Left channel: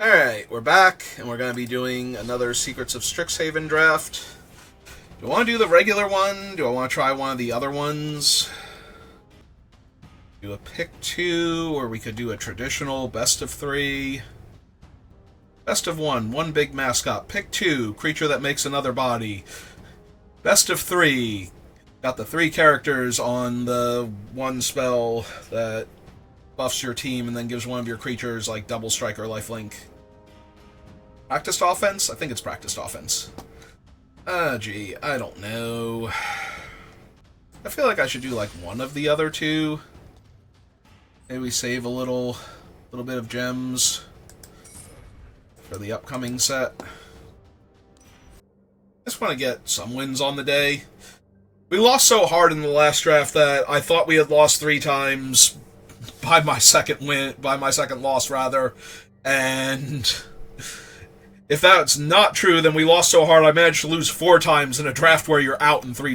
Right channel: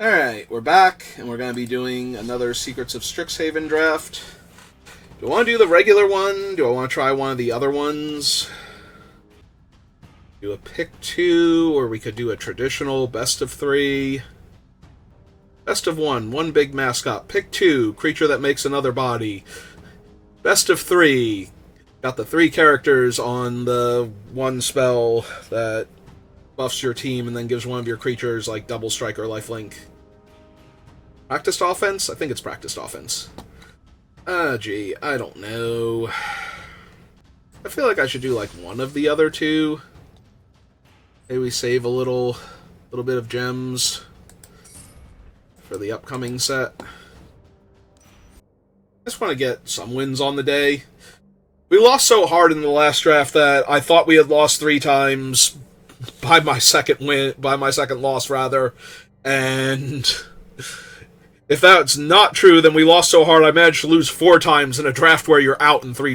Alright, we're back, and we're going to be doing another Secrets of Strixhaven draft. Do I want to do the regular one? Do I want to try one of the other ones? Do a pick two, or we could do a traditional best of three. Best of one big mascot. Pick two, creature that makes another body. Best of three, got the three characters on the one spell that buffs your team and then gives one of your creatures like double strike or lifelink. Practiced offense? I think it's practiced offense. Gee, I don't know. I feel like I should do like one of the other two. Maybe we save a little bit of gems for the upcoming set. I just want to get some wins on the day. We lost so hard in the last draft that I thought we had lost 3 times by my second loss rather, and if that's not true, then we lost so hard I managed to lose 4 times in a draft where you're out in 3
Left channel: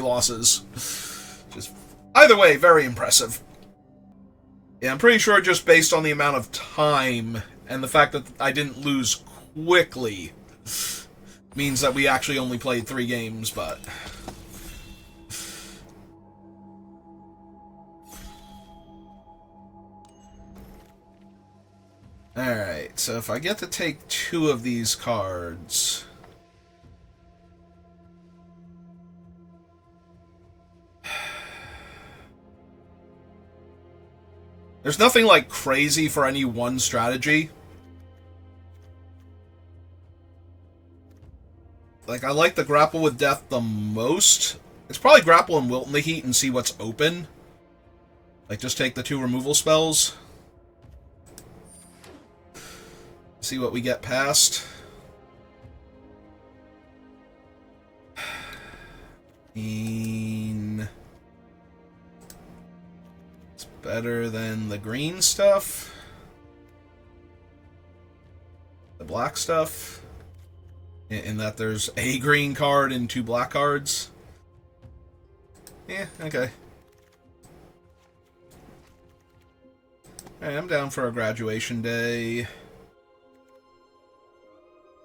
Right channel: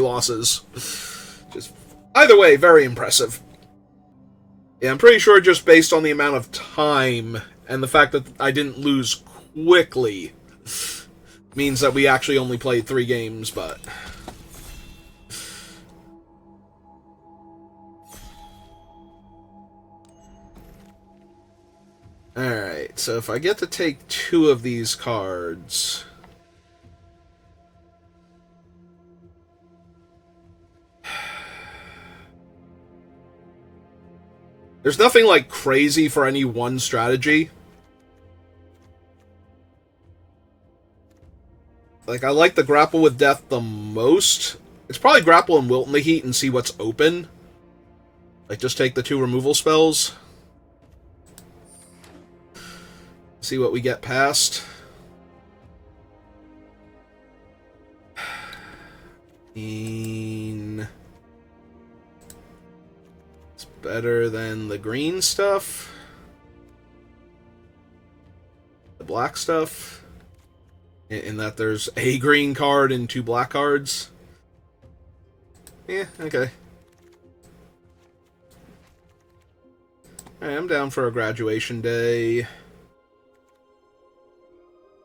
losses. Just either way, very impressive. Yeah, I'm pretty sure just based on the amount of time and the fact that I didn't lose quickly means that we actually only played 3 games, but alright, so if I get to take 2 of these cards, there's nothing like crazy for any one strategy. Like, I like the Grapple with Death the most. It's probably Grapple and Wilt in the Heat and see what's open. Like, just take the 2 removal spells. See what we get past. It's better than the green stuff. The black stuff. In that there's a green card and 2 black cards. Yeah, okay. Alright, I'm down for a graduation day.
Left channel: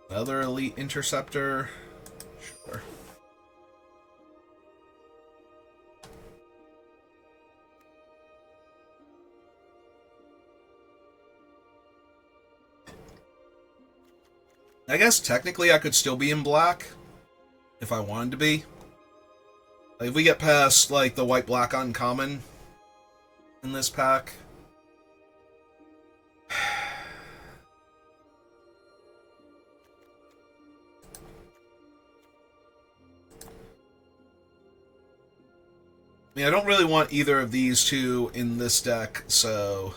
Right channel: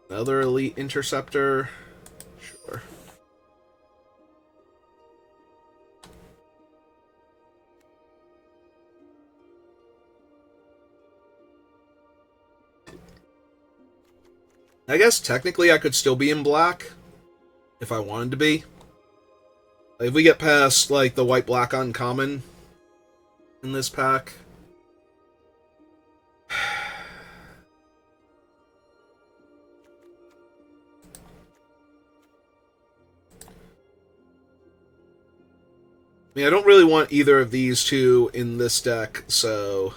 Another Elite Interceptor. Sure. I guess technically I could still be in black if I wanted to be. Like, if we get past like the white-black uncommon in this pack. I mean, I don't really want either of these 2 in this deck, so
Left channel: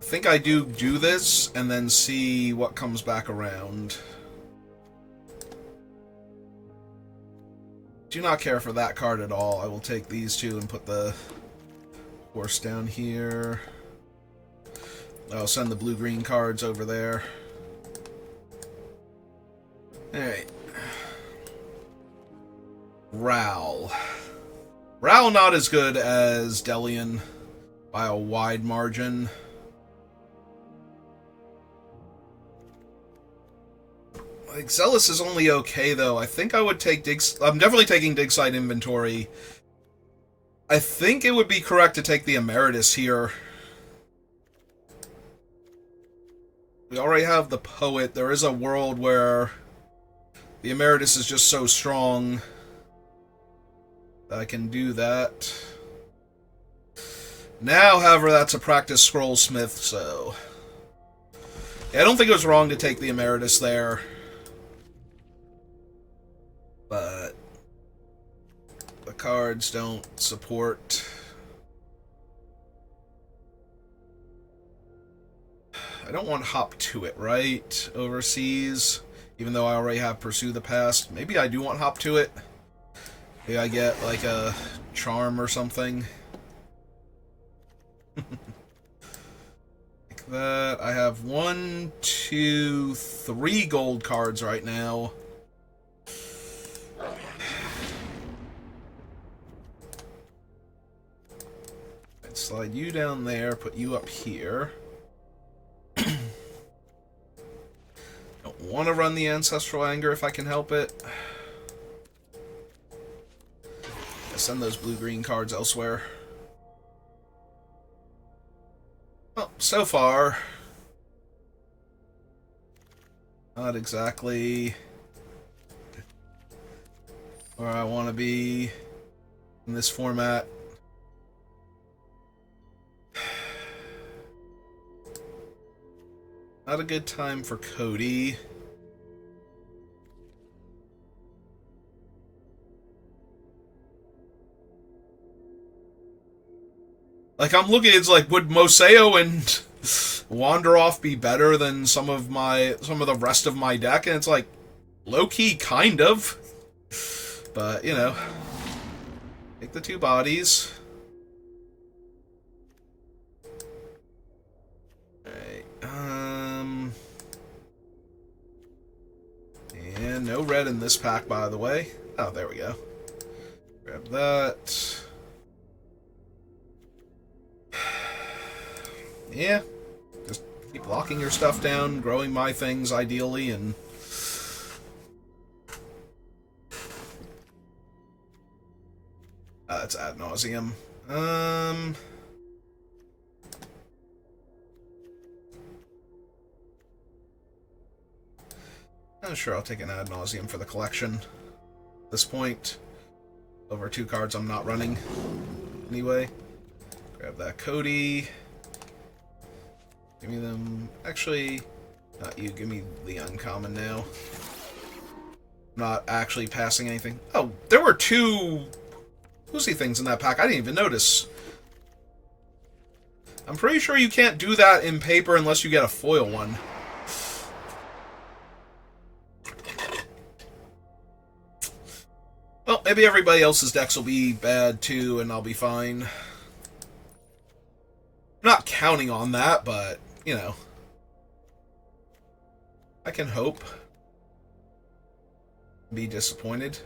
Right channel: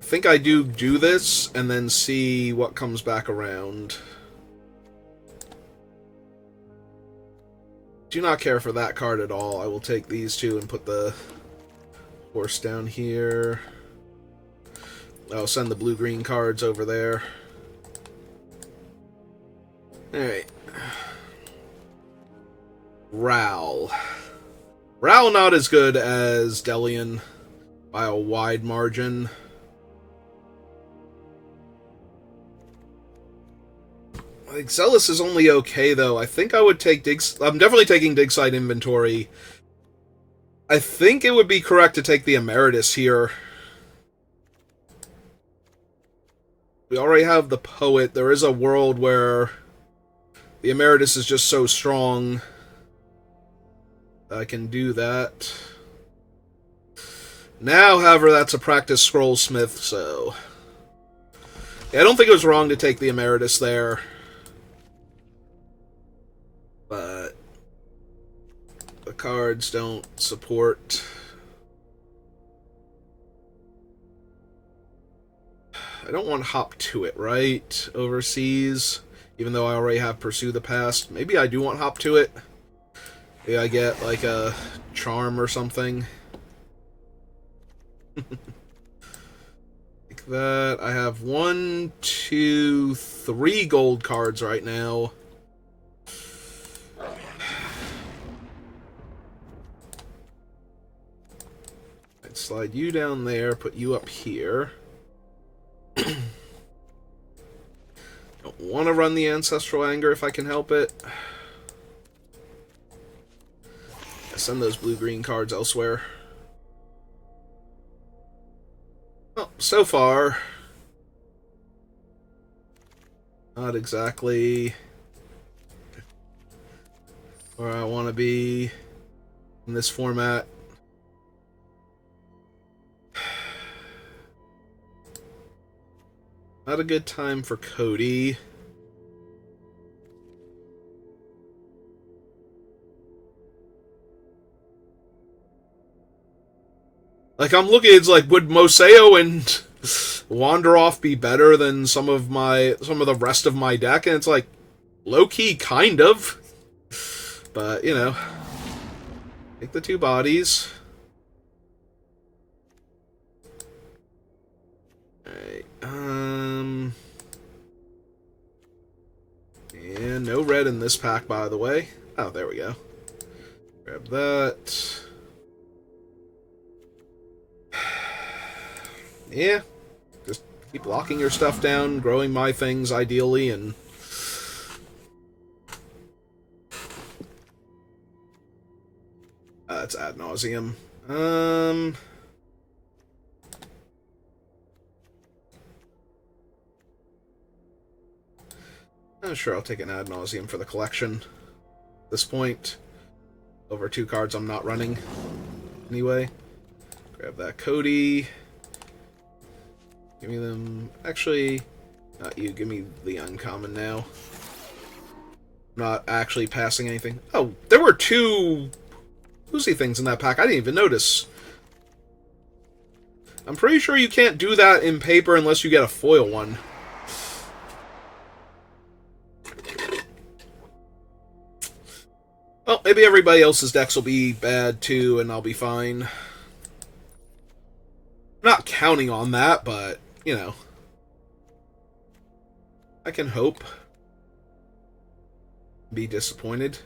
I think I do this and then see what comes back around. Do not care for that card at all. I will take these 2 and put the horse down here. I'll send the blue-green cards over there. Alright. Ral. Ral not as good as Delian by a wide margin. Like, Zealous is only okay, though. I think I would take I'm definitely taking Dig Site Inventory. I think it would be correct to take the Emeritus here. We already have the Poet. There is a world where the Emeritus is just so strong I can do that. Now, however, that's a practice Scrollsmith, so yeah, I don't think it was wrong to take the Emeritus there. But the cards don't support. I don't want Hop to it, right? Overseas, even though I already have Pursue the Past. Maybe I do want Hop to it. Maybe I get like a charm or something. Like that. I have 1, 2, 3 gold cards right now. slide you down there, put you up here. Don't want to run the Ancestral Anger if I can help it. Send those blue-green cards elsewhere. Well, so far, not exactly where I want to be in this format. Not a good time for Cody. Like, I'm looking, it's like, would Moseo and Wanderoff be better than some of the rest of my deck? And it's like, low-key, kind of. But, you know, take the 2 bodies. Alright, and no red in this pack, by the way. Oh, there we go. Grab that. Yeah, just keep locking your stuff down, growing my things ideally, and it's ad nauseum. Oh, sure, I'll take an ad nauseum for the collection. At this point, over 2 cards I'm not running anyway. Grab that Cody. Give me them... Actually, not you. Give me the uncommon now. I'm not actually passing anything. Oh, there were 2 Lucy things in that pack. I didn't even notice. I'm pretty sure you can't do that in paper unless you get a foil one. Well, maybe everybody else's decks will be bad too, and I'll be fine. I'm not counting on that, but... You know, I can hope. Be disappointed.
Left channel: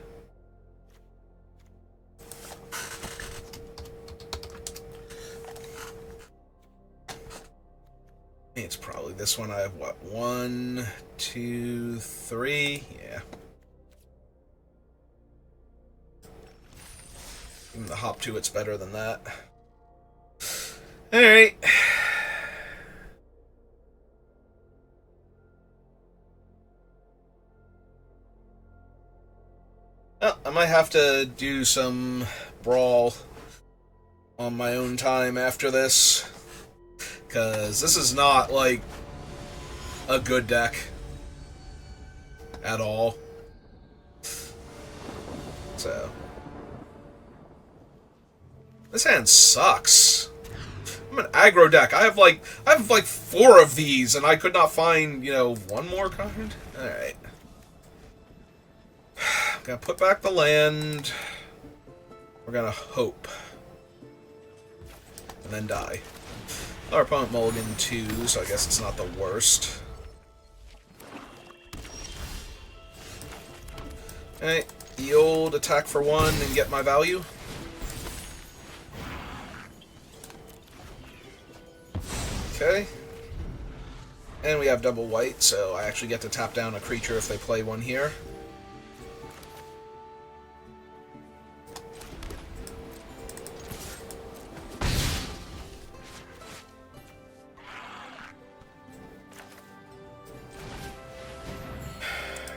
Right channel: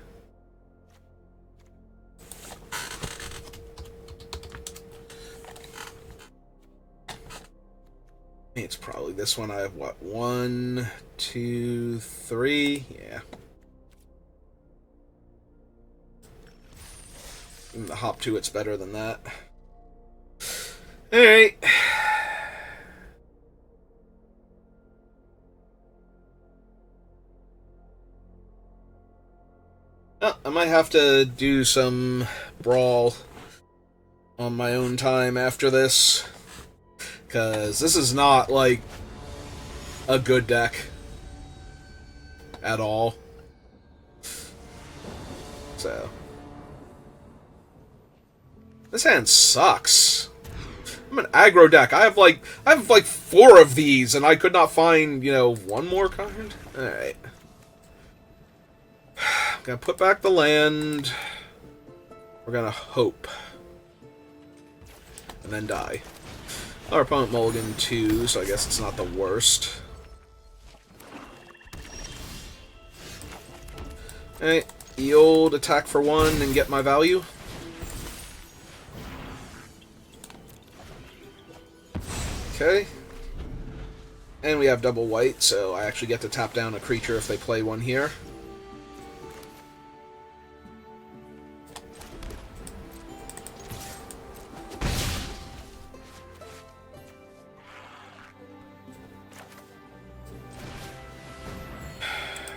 It's probably this one. I have, what, 1, 2, 3? Yeah. Even the hop to it's better than that. Alright. Well, I might have to do some Brawl on my own time after this, because this is not, like, a good deck at all. So, this hand sucks. I'm an aggro deck. I have like 4 of these, and I could not find, you know, 1 more card. All right. Gonna put back the land. We're gonna hope. And then die. Our opponent mulliganed 2, so I guess it's not the worst. Alright, the old attack for 1 and get my value. Okay. And we have double white, so I actually get to tap down a creature if they play one here.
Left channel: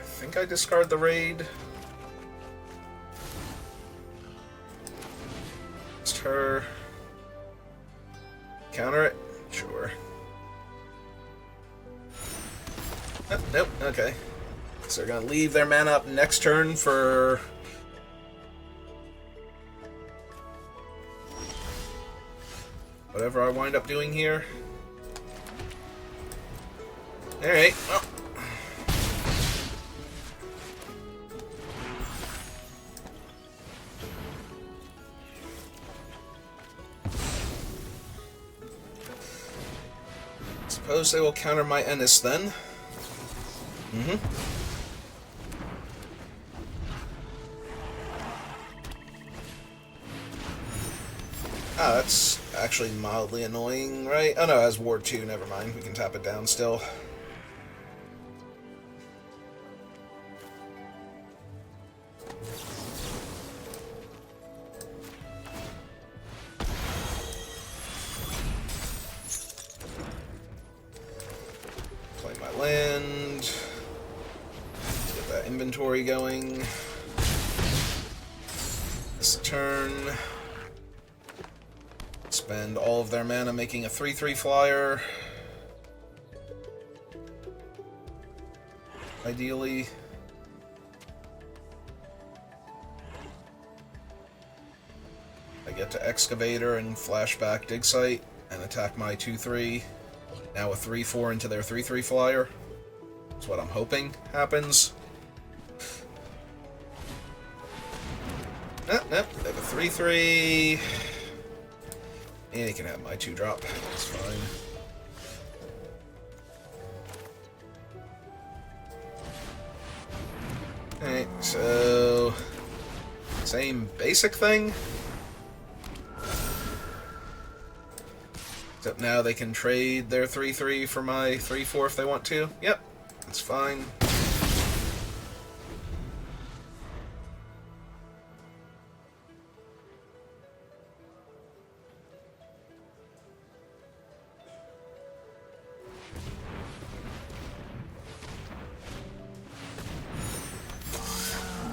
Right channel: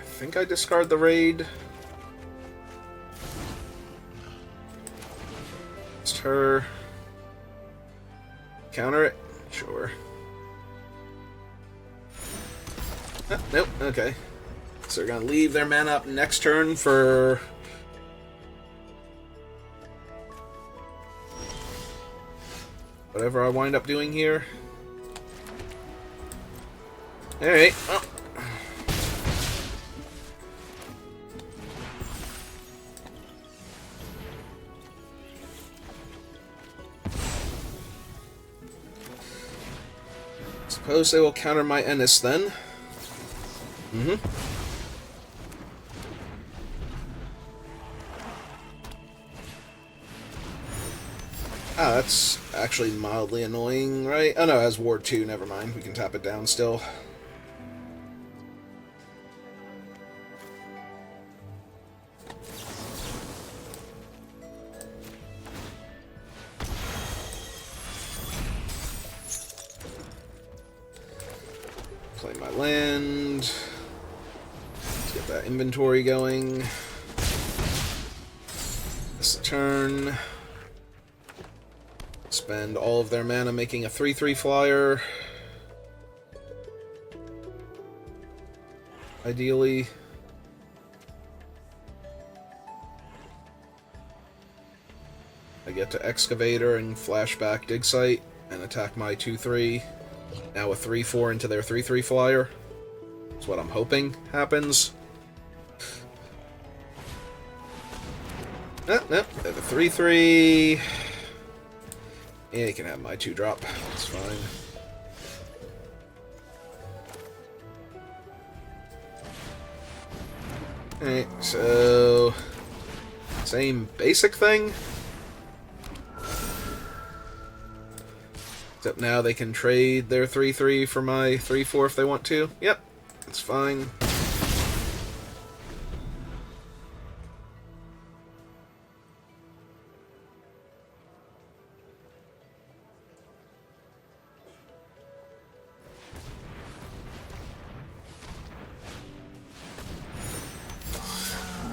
I think I discard the raid. It's her. Counter it? Sure. Oh, nope, okay. So they're gonna leave their mana up next turn for... whatever I wind up doing here. Alright, well... suppose they will counter my Ennis then. Ah, that's actually mildly annoying, right? Oh no, it has Ward 2, never mind. We can tap it down still. Play my land. Let's get that inventory going. This turn. Spend all of their mana making a 3/3 flyer. Ideally. I get to Excavator and flashback Dig Site and attack my 2/3. Now a 3/4 into their 3/3 flyer. That's what I'm hoping happens. Nope, nope. They have a 3/3. Yeah, you can have my 2-drop. That's fine. Alright, so... same basic thing. Except now they can trade their 3/3 for my 3/4 if they want to. Yep, that's fine.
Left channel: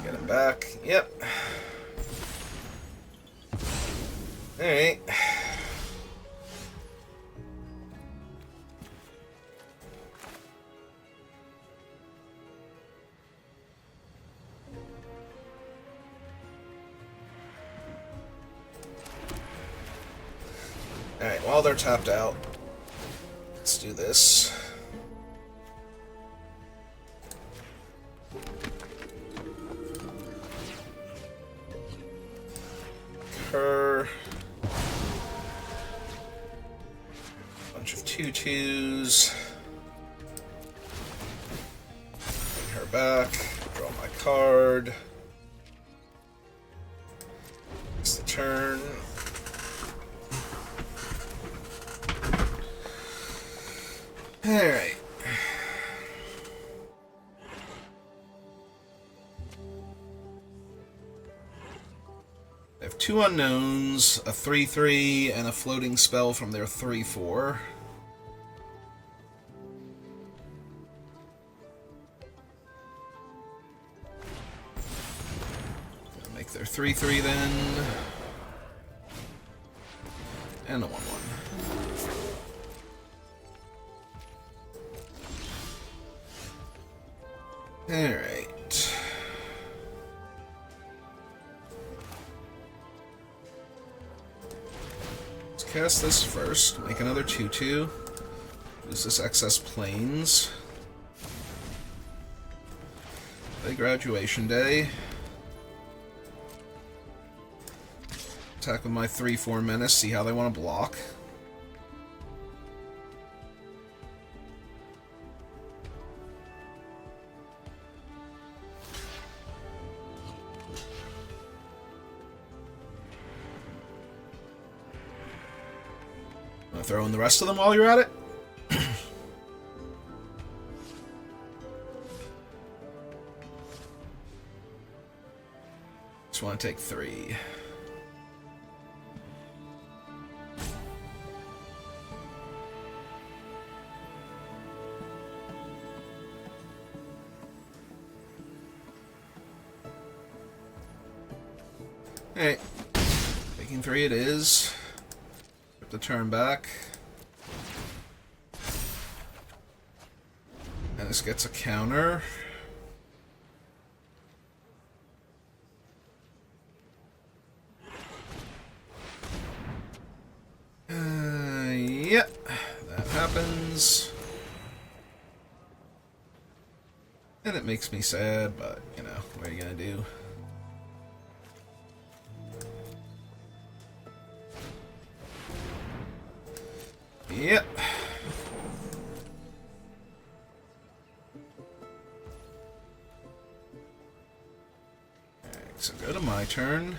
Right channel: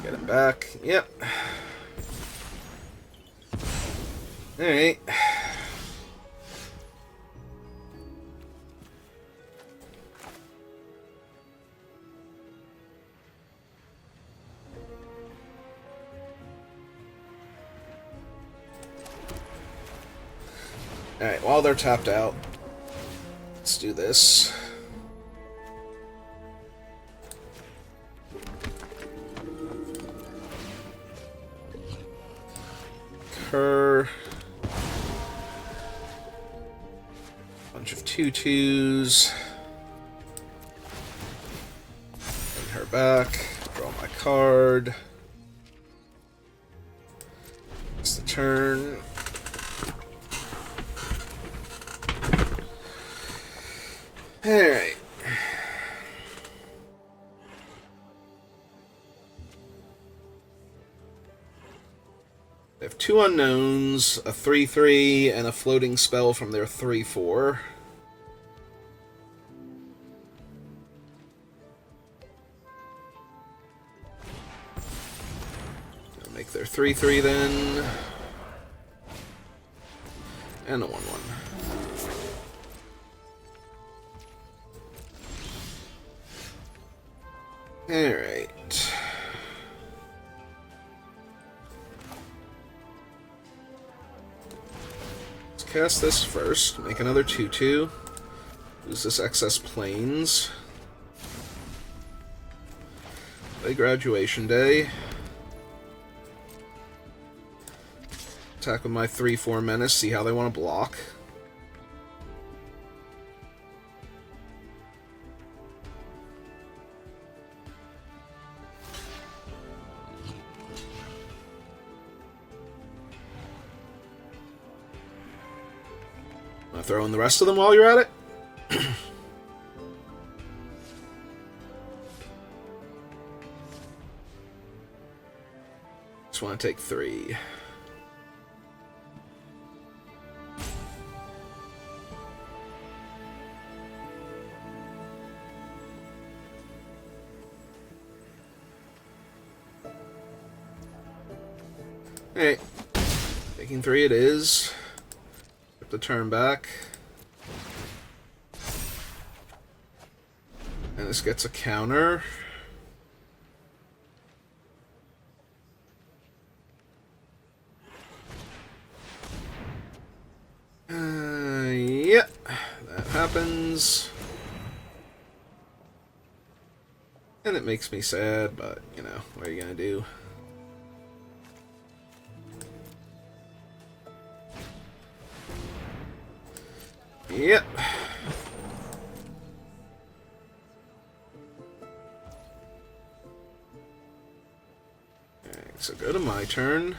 Get him back. Yep. Alright. Alright, while they're tapped out, let's do this. Her. Bunch of 2/2s. Bring her back. Draw my card. It's the turn. Alright. They have 2 unknowns, a 3/3, and a floating spell from their 3/4. I'll make their 3/3 then. And a 1/1. Alright. Let's cast this first. Make another 2/2. Use this excess planes. Play Graduation Day. Attack with my 3/4 menace, see how they want to block. Throw in the rest of them while you're at it. Just want to take 3. Alright. Taking 3 it is. The turn back. And this gets a counter. Yep. That happens. And it makes me sad, but, you know, what are you gonna do? Yep. Alright, so go to my turn.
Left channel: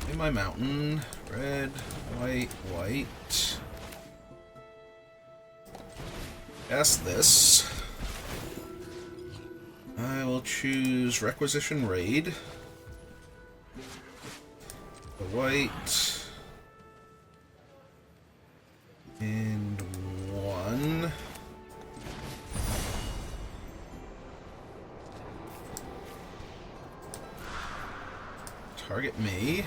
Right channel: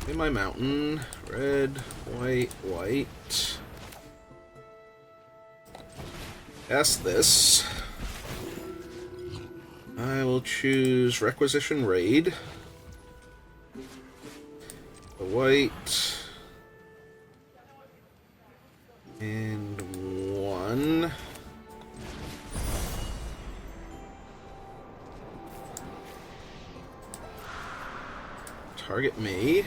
Play my mountain. Red, white, white. Cast this. I will choose Requisition Raid. The white. And 1. Target me.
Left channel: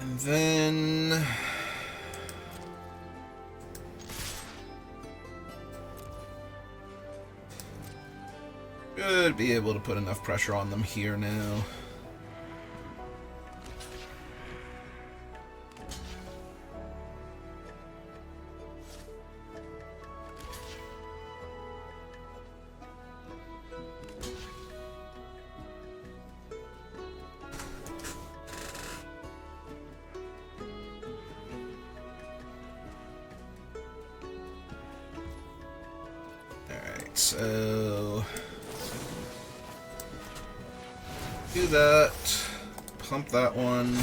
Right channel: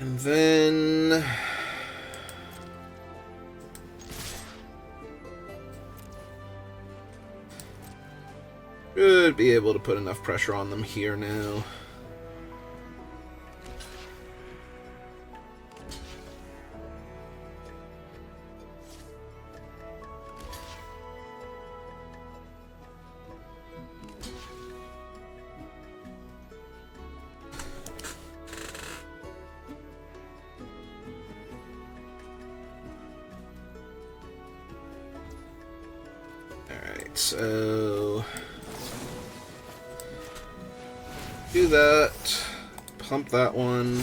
And then... should be able to put enough pressure on them here now. Alright, so... do that. Pump that one.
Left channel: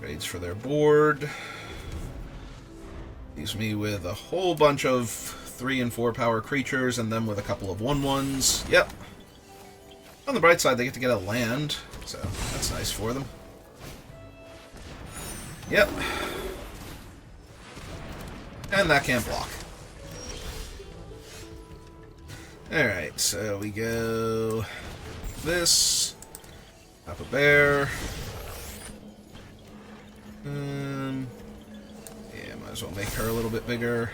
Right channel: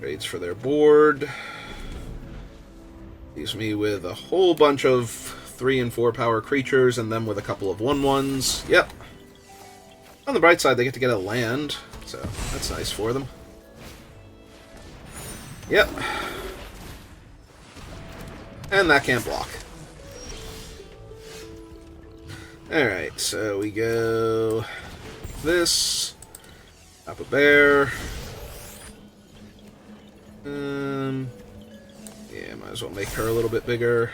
Trades for their board. Leaves me with a whole bunch of 3 and 4 power creatures, and them with a couple of 1/1s. Yep. On the bright side, they get a land, so that's nice for them. Yep. And that can't block. Alright, so we go this, Pop a bear. Yeah, might as well make her a little bit bigger.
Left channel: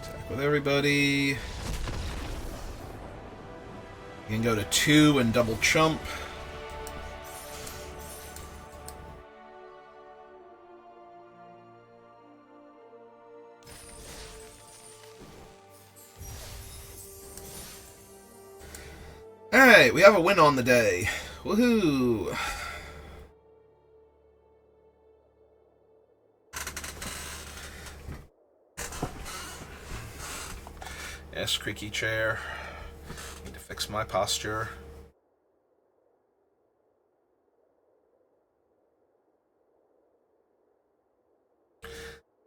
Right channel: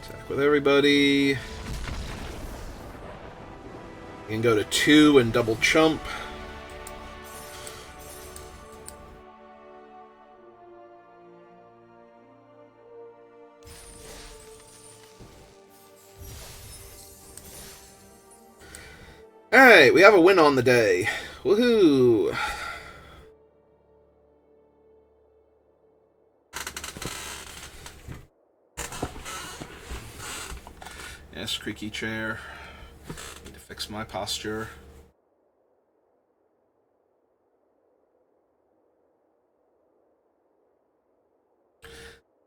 Attack with everybody. You can go to 2 and double chump. Alright, we have a win on the day. Woohoo! Yes, creaky chair. Need to fix my posture.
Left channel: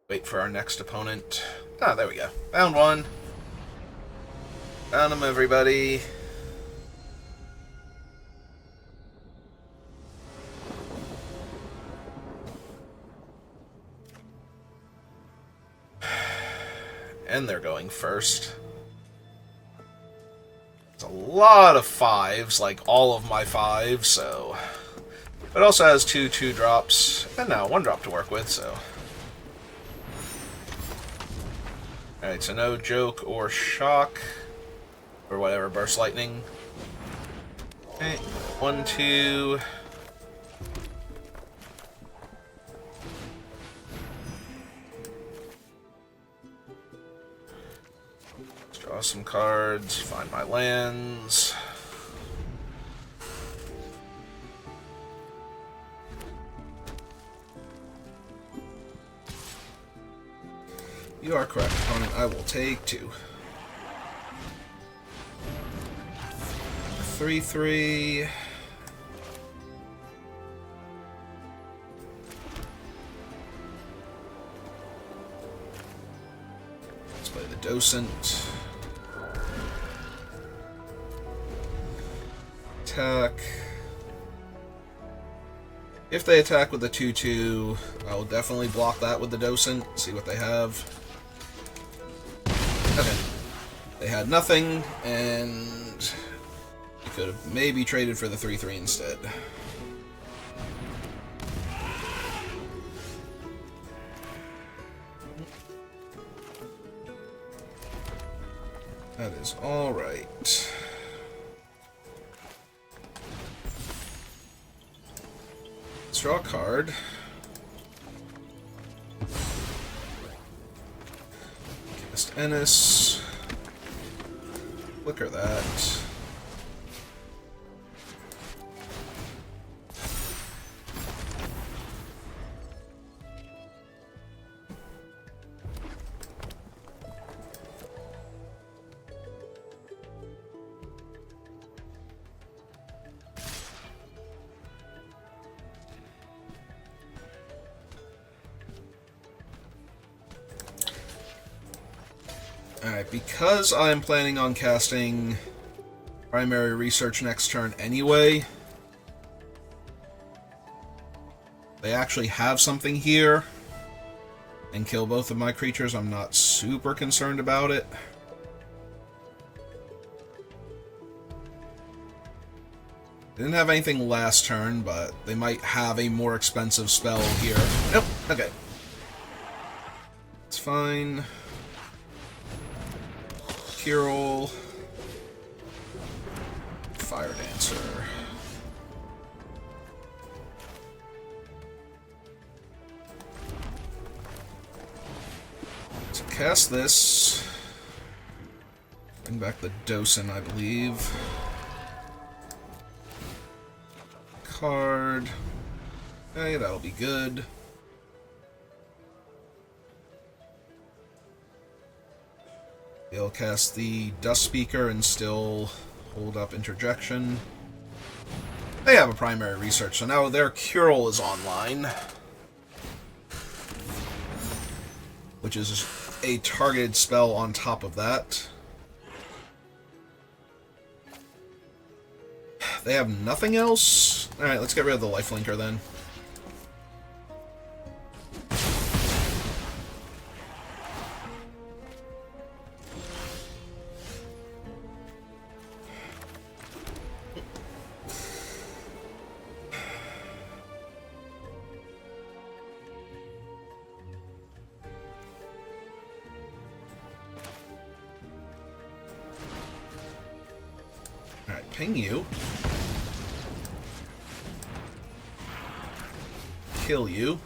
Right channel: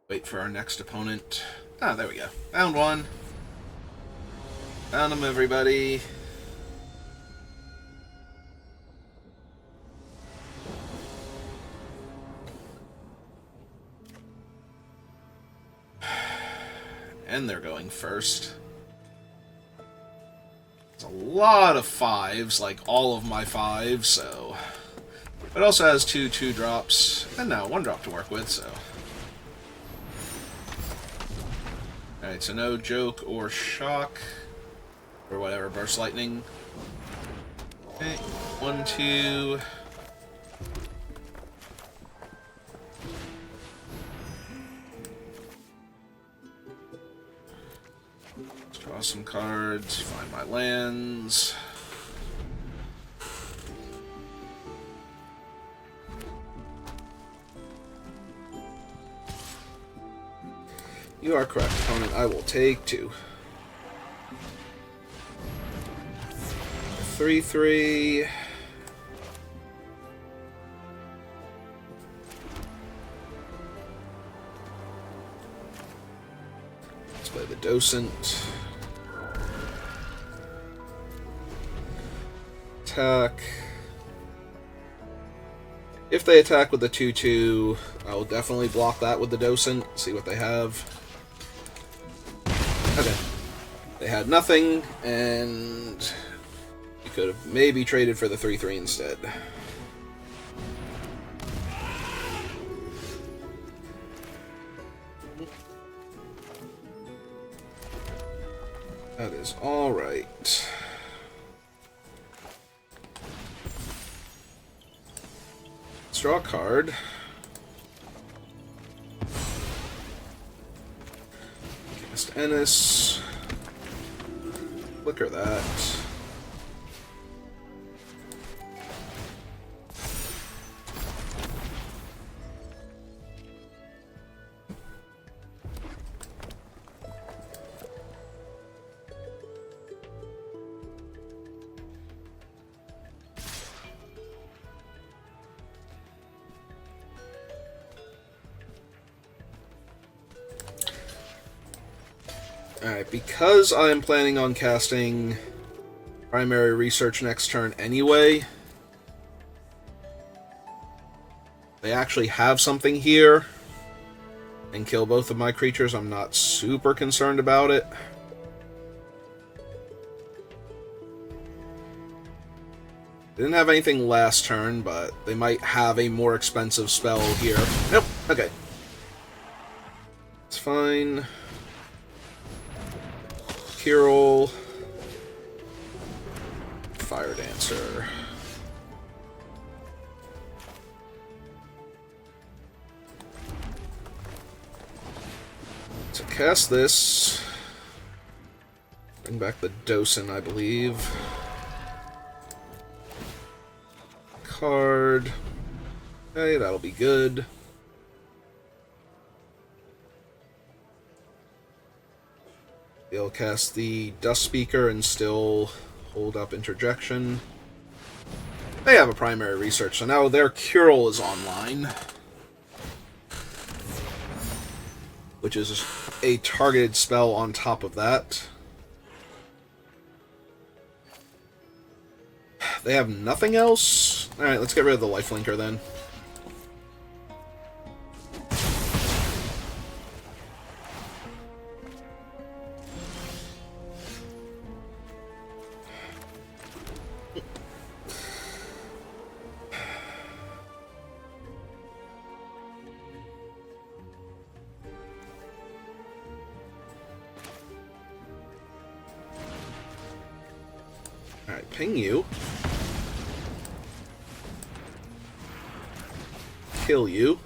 Wait for our next opponent. Ah, there we go. Found one. Found them, everybody. And they're going first. It's a lot of 5s, like all of my 5s, so... But it also has 2 2-drops, and now 1-drop to work with, so... Alright, so no joke or shock, or whatever, burst lightning. Okay, 1, 2... Draw some cards, find my lands. You are correct, opponent. I will take 2. 3/3. Let's play the Docent. Attack. If they attack with the 2/2, I'll definitely block that with the Docent. See what they have. Okay. They had nothing, and you could have maybe traded for the 3/3 instead. That is all right. Let's draw a card. Cast Ennis. Flicker that. Alright, because I'm planning on casting primary research next turn anyway, they actually have something here and kill both of my creatures. I'm not super concerned about it. They didn't have anything last turn, but they might have a more expensive spell here. Nope, okay. It's fine. Kirill. Fire Dancer. So cast this. Bring back the Docin, I believe. Card. Okay, that'll be good. They'll cast the Dust Speaker and still hold up Interjection. They have a primary research, so now their Kirill is online. Which is a targeted spell on top of that. They have nothing else? Alright, let's get rid of the Lifelinker then. Alright, ping you. Kill you.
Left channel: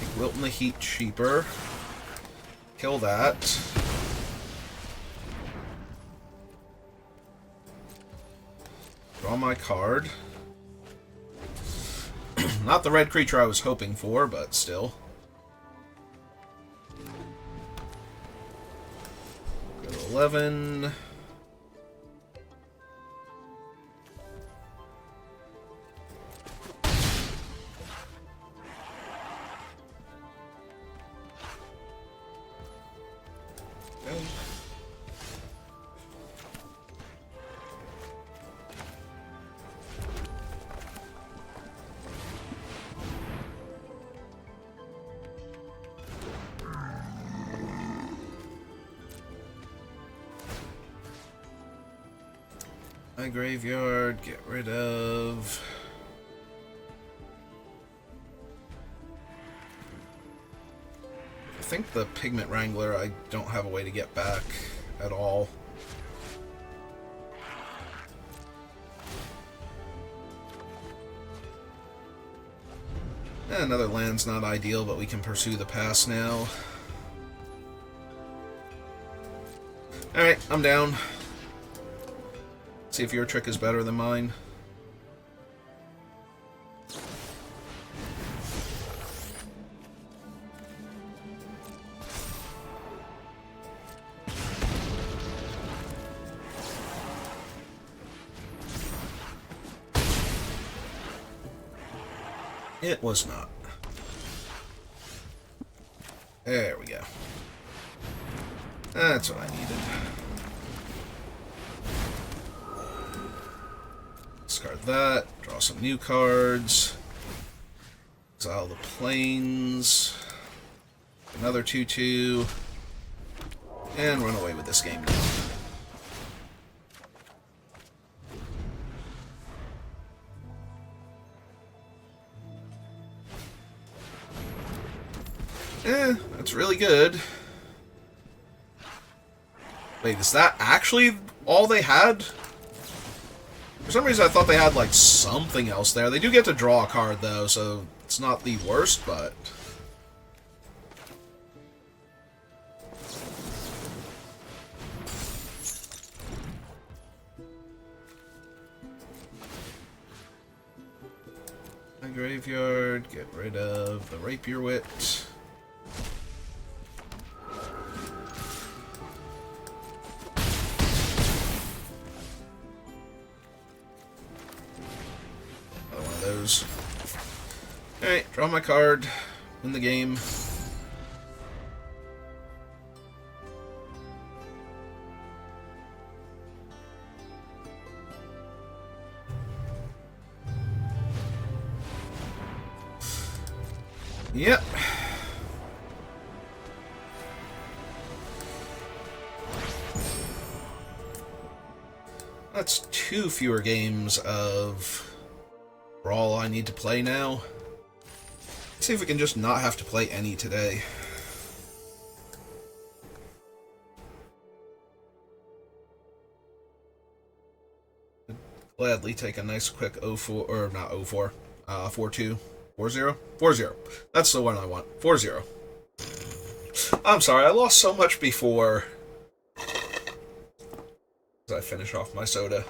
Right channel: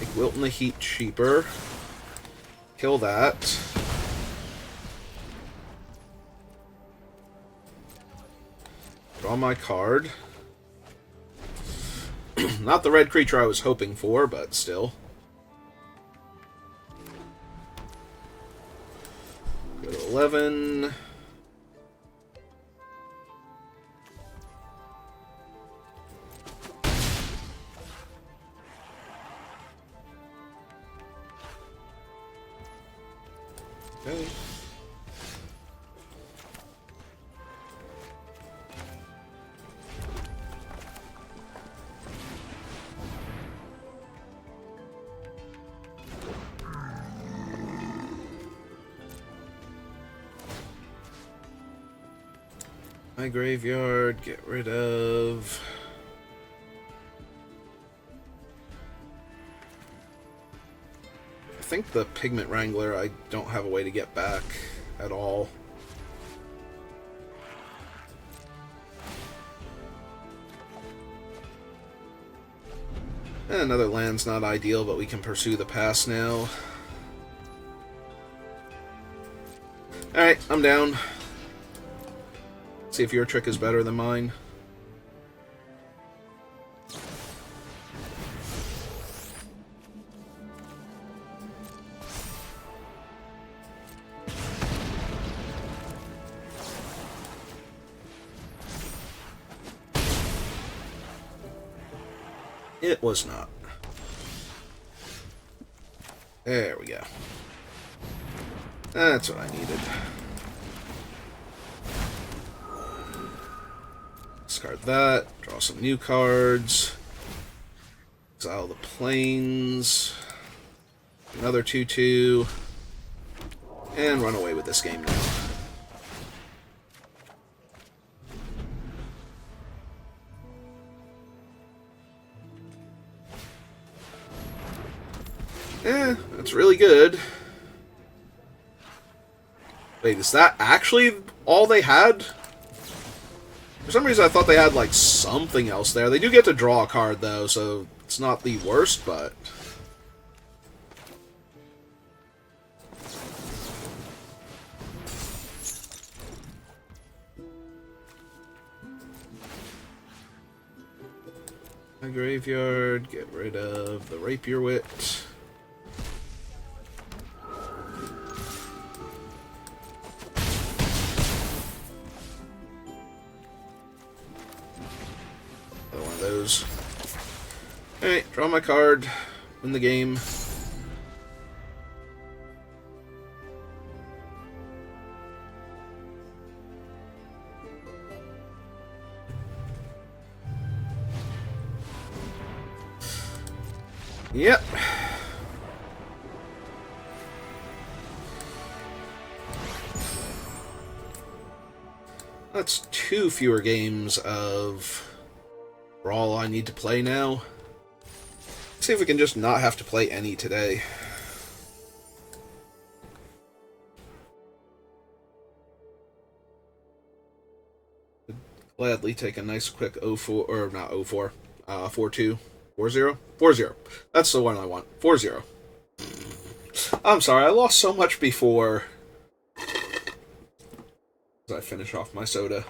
Make Wilton the Heat cheaper. Kill that. Draw my card. Not the red creature I was hoping for, but still. Go to 11. Okay. My graveyard, get rid of... I think the Pigment Wrangler I don't have a way to get back at all. Another land's not ideal, but we can pursue the pass now. Alright, I'm down. See if your trick is better than mine. It was not. There we go. That's what I needed. Discard that. Draw some new cards. Exile the plains. Another 2/2. And run away with this game now. That's really good. Wait, is that actually all they had? For some reason I thought they had, like, something else there. They do get to draw a card, though, so it's not the worst, but... My graveyard, get rid of the Rapier Wit. Alright, draw my card, win the game. Yep. That's 2 fewer games of Brawl I need to play now. Let's see if we can just not have to play any today. Gladly take a nice quick 0-4, or not 0-4, 4-2, 4-0? 4-0. That's the one I want. 4-0. I'm sorry, I lost so much before. As I finish off my soda.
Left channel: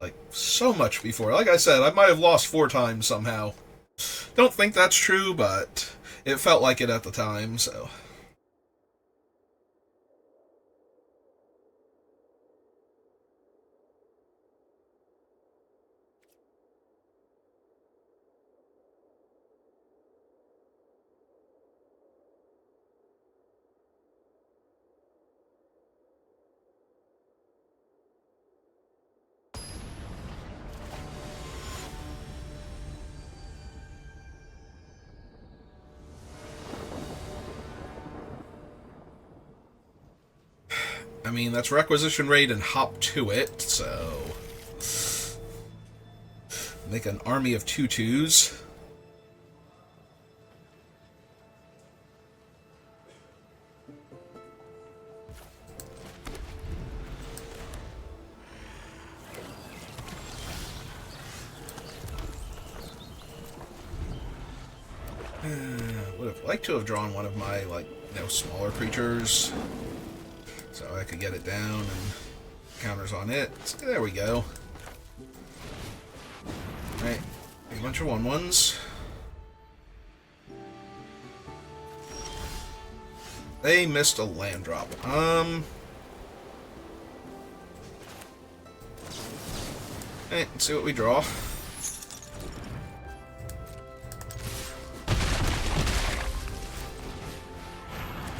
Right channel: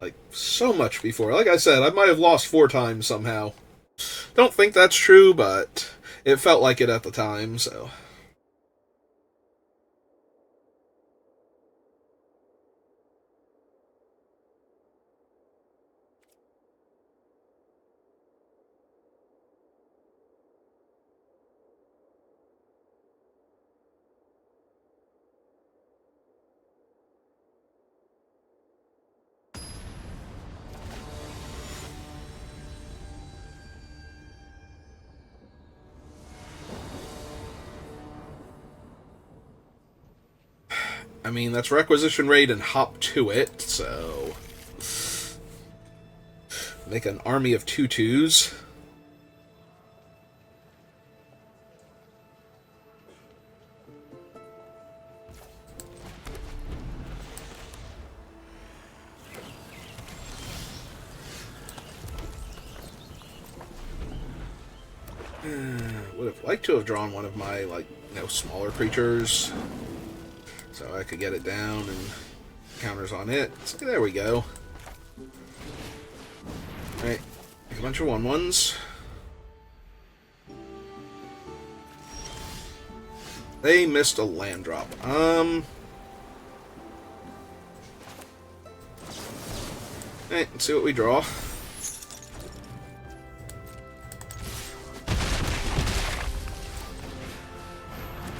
Like, so much before. Like I said, I might have lost 4 times somehow. Don't think that's true, but it felt like it at the time, so... I mean, that's requisition rate and hop to it, so... Make an army of 2/2s. Would have liked to have drawn one of my, like, smaller creatures. So I could get it down and counters on it. So there we go. Alright, a bunch of 1/1s. They missed a land drop. Alright, let's see what we draw.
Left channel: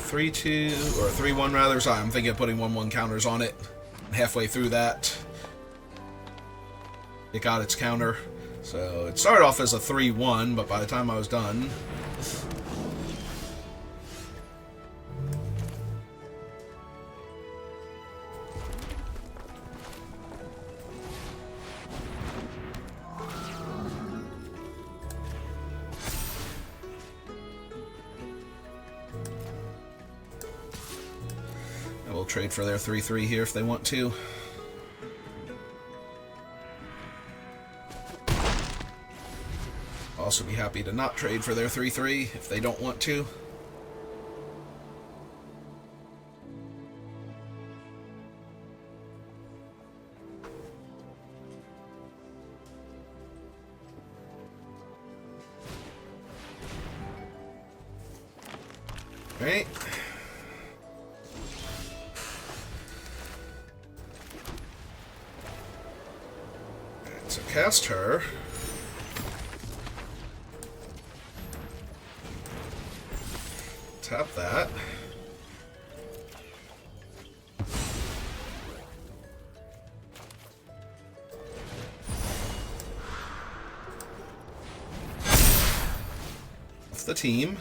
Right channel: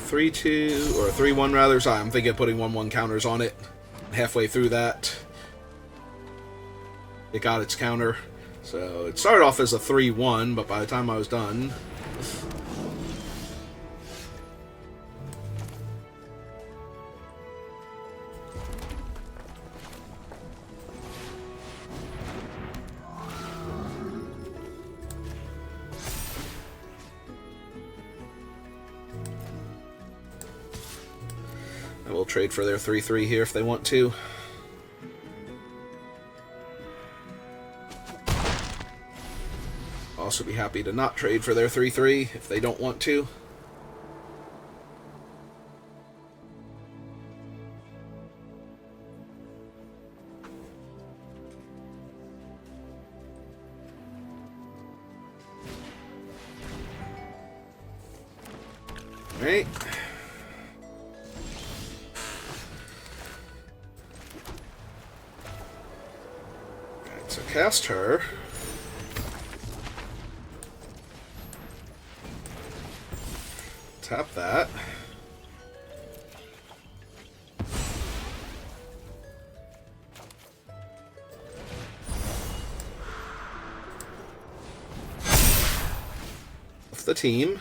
Three, 2, or 3-1 rather. Sorry, I'm thinking of putting 1/1 counters on it. Halfway through that, it got its counter. So it started off as a 3-1, but by the time I was done, I will trade for their 3-3 here if they want to. Also be happy to not trade for their 3-3 if they don't want to. Alright. Alright, so cast her. Tap that. Off the team.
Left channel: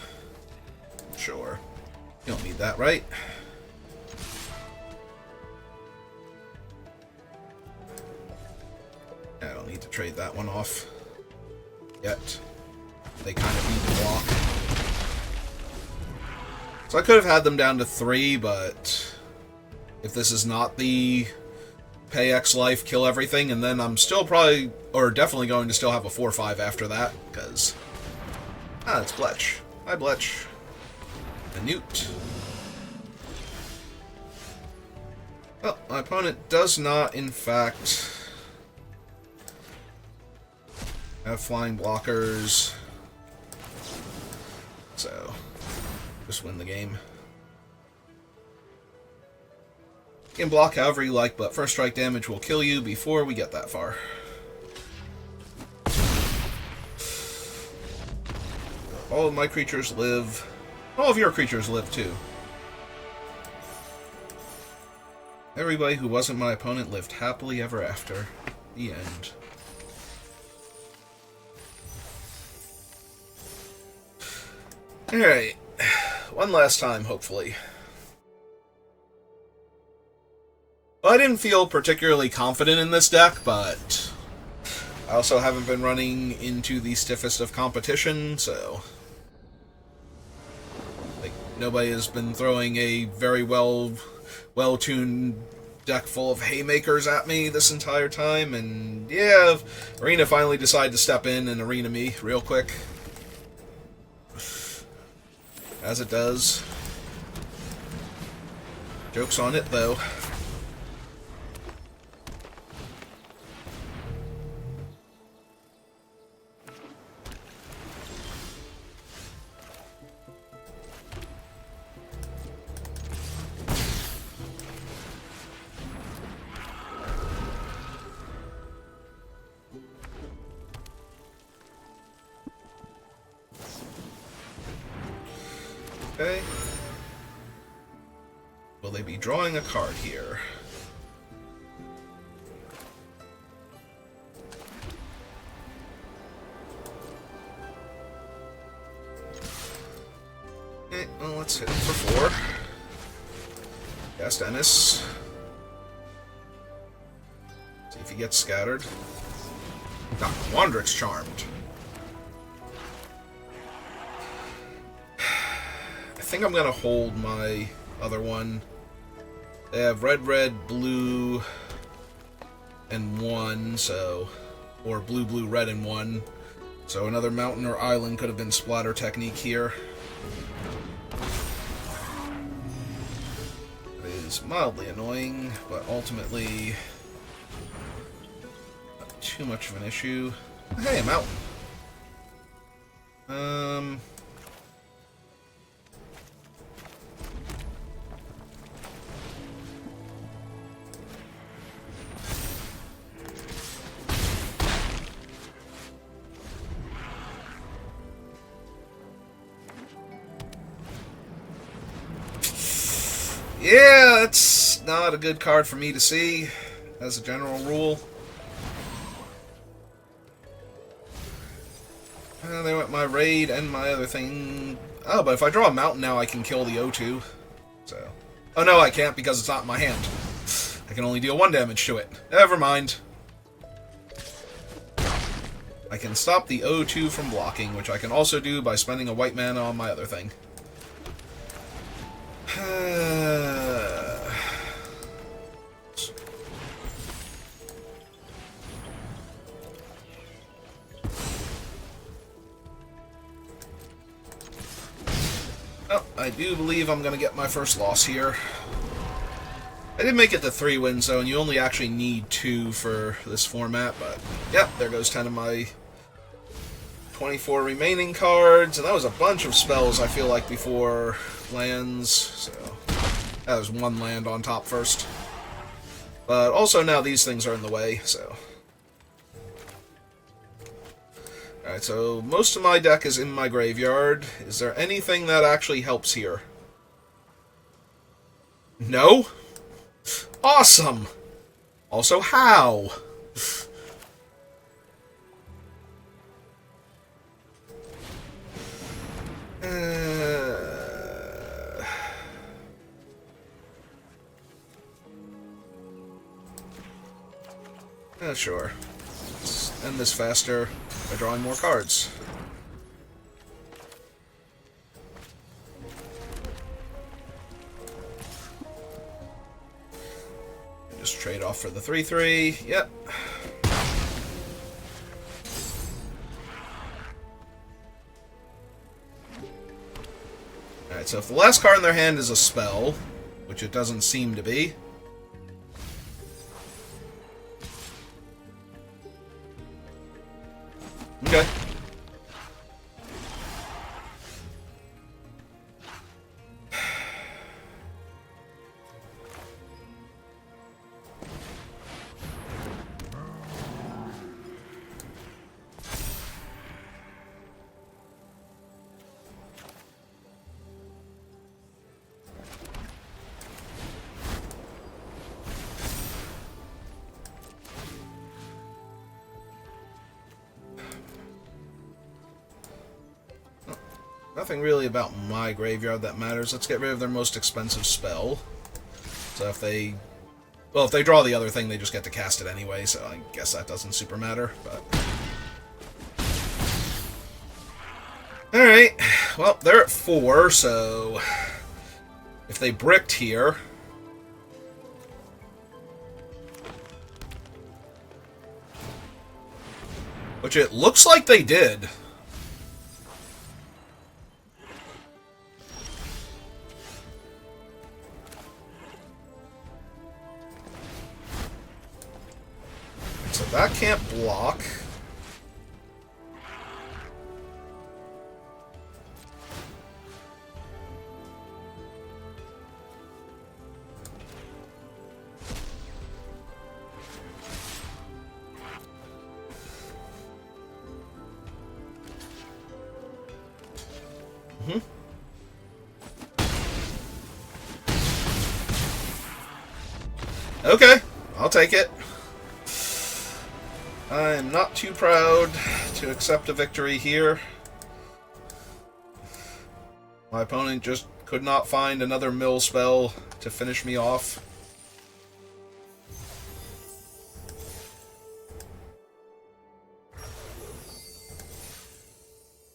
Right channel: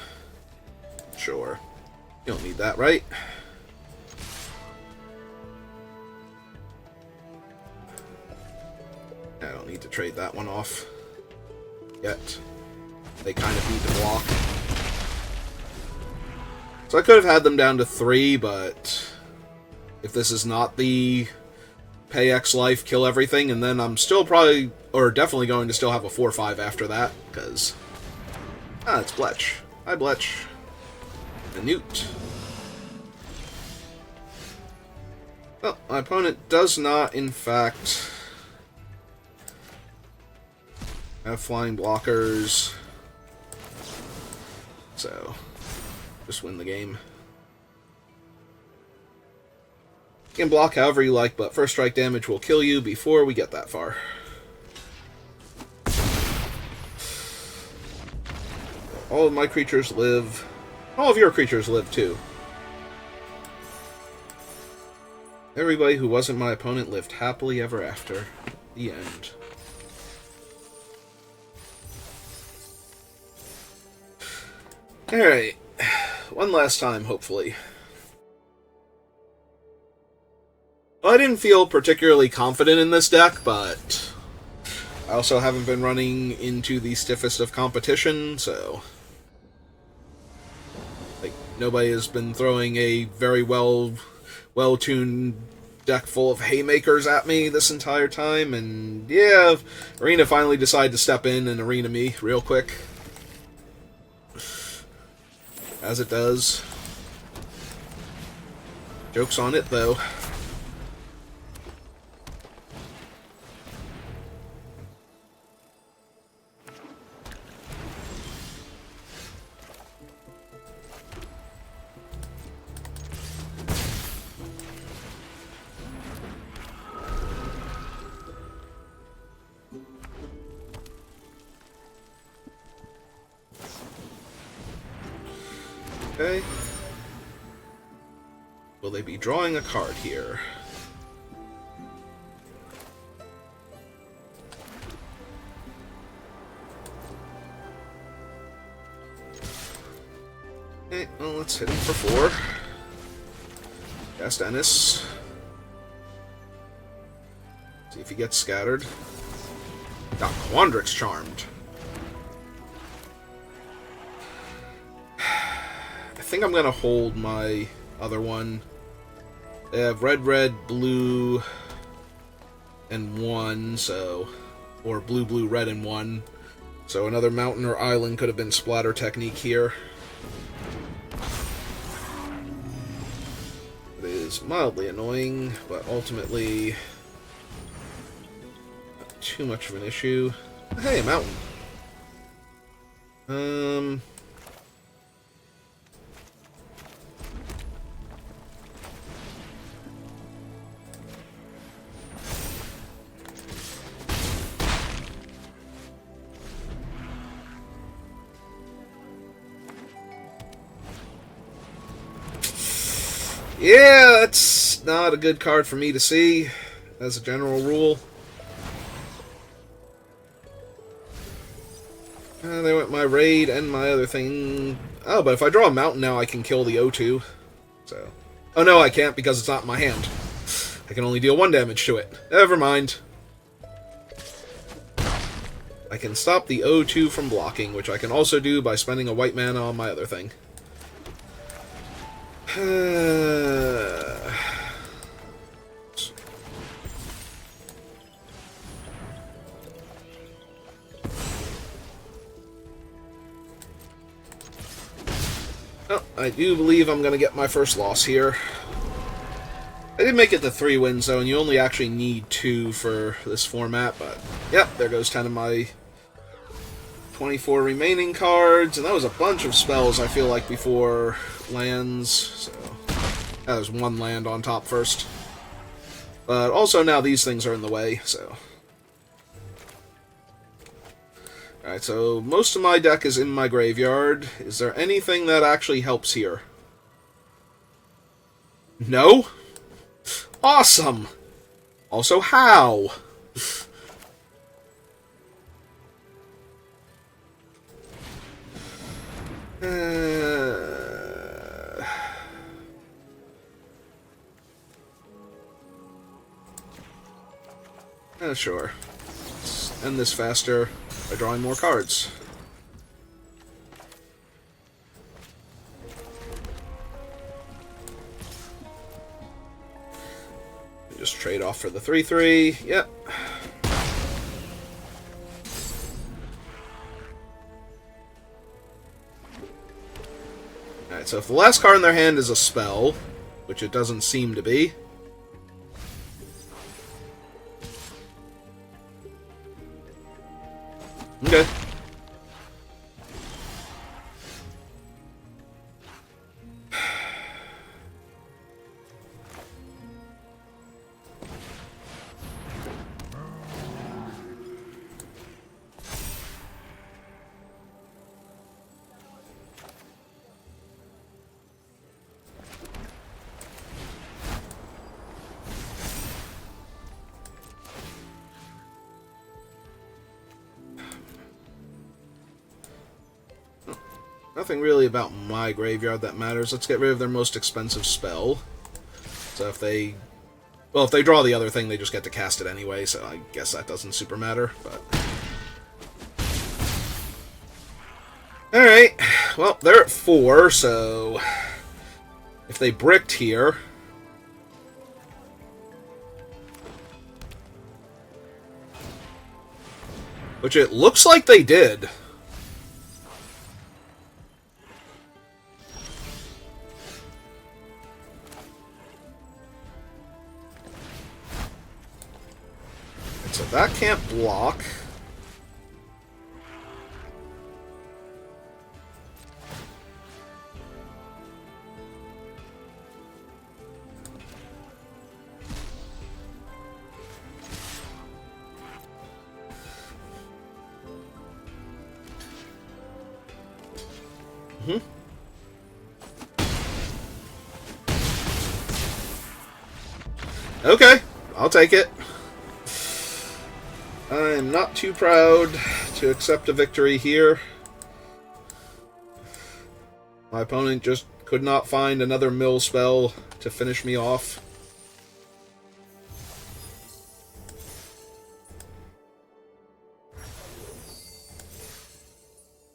Sure. You don't need that, right? I don't need to trade that one off yet. They kind of need to block. So I could have had them down to 3, but if this is not the pay X life, kill everything, and then I'm still probably, or definitely going to still have a 4-5 after that, because... it's Bletch. Hi, Bletch. A Newt. Well, my opponent does not, in fact, have flying blockers, so... just win the game. You can block however you like, but first strike damage will kill you before we get that far. All of my creatures live. All of your creatures live too. Everybody who wasn't my opponent lived happily ever after. The end. Alright. One last time, hopefully. Well, I didn't feel particularly confident in this deck, but I also haven't been running into the stiffest of competition, so... Like, nobody has been throwing a very well-tuned deck full of haymakers at me this entire time, and yeah, Arena finally decided to step in and arena me real quick. As it does. Joke's on it, though. Okay. Will they be drawing a card here? Okay, well, let's hit him for 4. Cast Ennis. See if he gets scattered. Dr. Wandrick's charmed. I think I'm gonna hold my other one. They have red, blue, and 1, so... Or blue, red, and 1. So another mountain or island could have been splatter technique here. It is mildly annoying, but ultimately... not too much of an issue. Hey, a mountain. Yeah, that's not a good card for me to see, as a general rule. They went my raid and my other thing. Oh, but if I draw a mountain now, I can kill the O2. So. Oh no, I can't because it's not in my hand. I can only deal 1 damage to it. Never mind. I can stop the O2 from blocking, which I can also do by spending a white mana on my other thing. Oh, I do believe I'm going to get my first loss here. I did make it to 3 wins, though, and you only actually need 2 for this format, but yep, there goes 10 of my 24 remaining cards, and that was a bunch of spells, I feel like, before lands, so that was 1 land on top first. But also now these things are in the way, so... Alright, so most of my deck is in my graveyard. Is there anything that actually helps here? No? Awesome! Also, how? Sure. Let's end this faster by drawing more cards. Just trade off for the 3/3. Yep. Alright, so if the last card in their hand is a spell, which it doesn't seem to be, okay. nothing really about my graveyard that matters. Let's get rid of their most expensive spell. So if they... Well, if they draw the other thing, they just get to cast it anyway, so I guess that doesn't super matter, but... Alright, well, they're at 4, so... If they bricked here... Which it looks like they did. So that can't block. Okay, I'll take it. I am not too proud to accept a victory here. My opponent just could not find another mill spell to finish me off.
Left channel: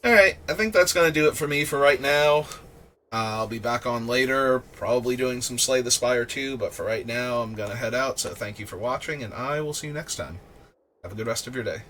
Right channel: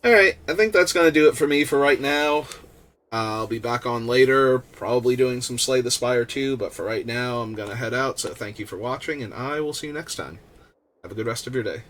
Alright, I think that's going to do it for me for right now. I'll be back on later, probably doing some Slay the Spire too, but for right now I'm going to head out, so thank you for watching, and I will see you next time. Have a good rest of your day.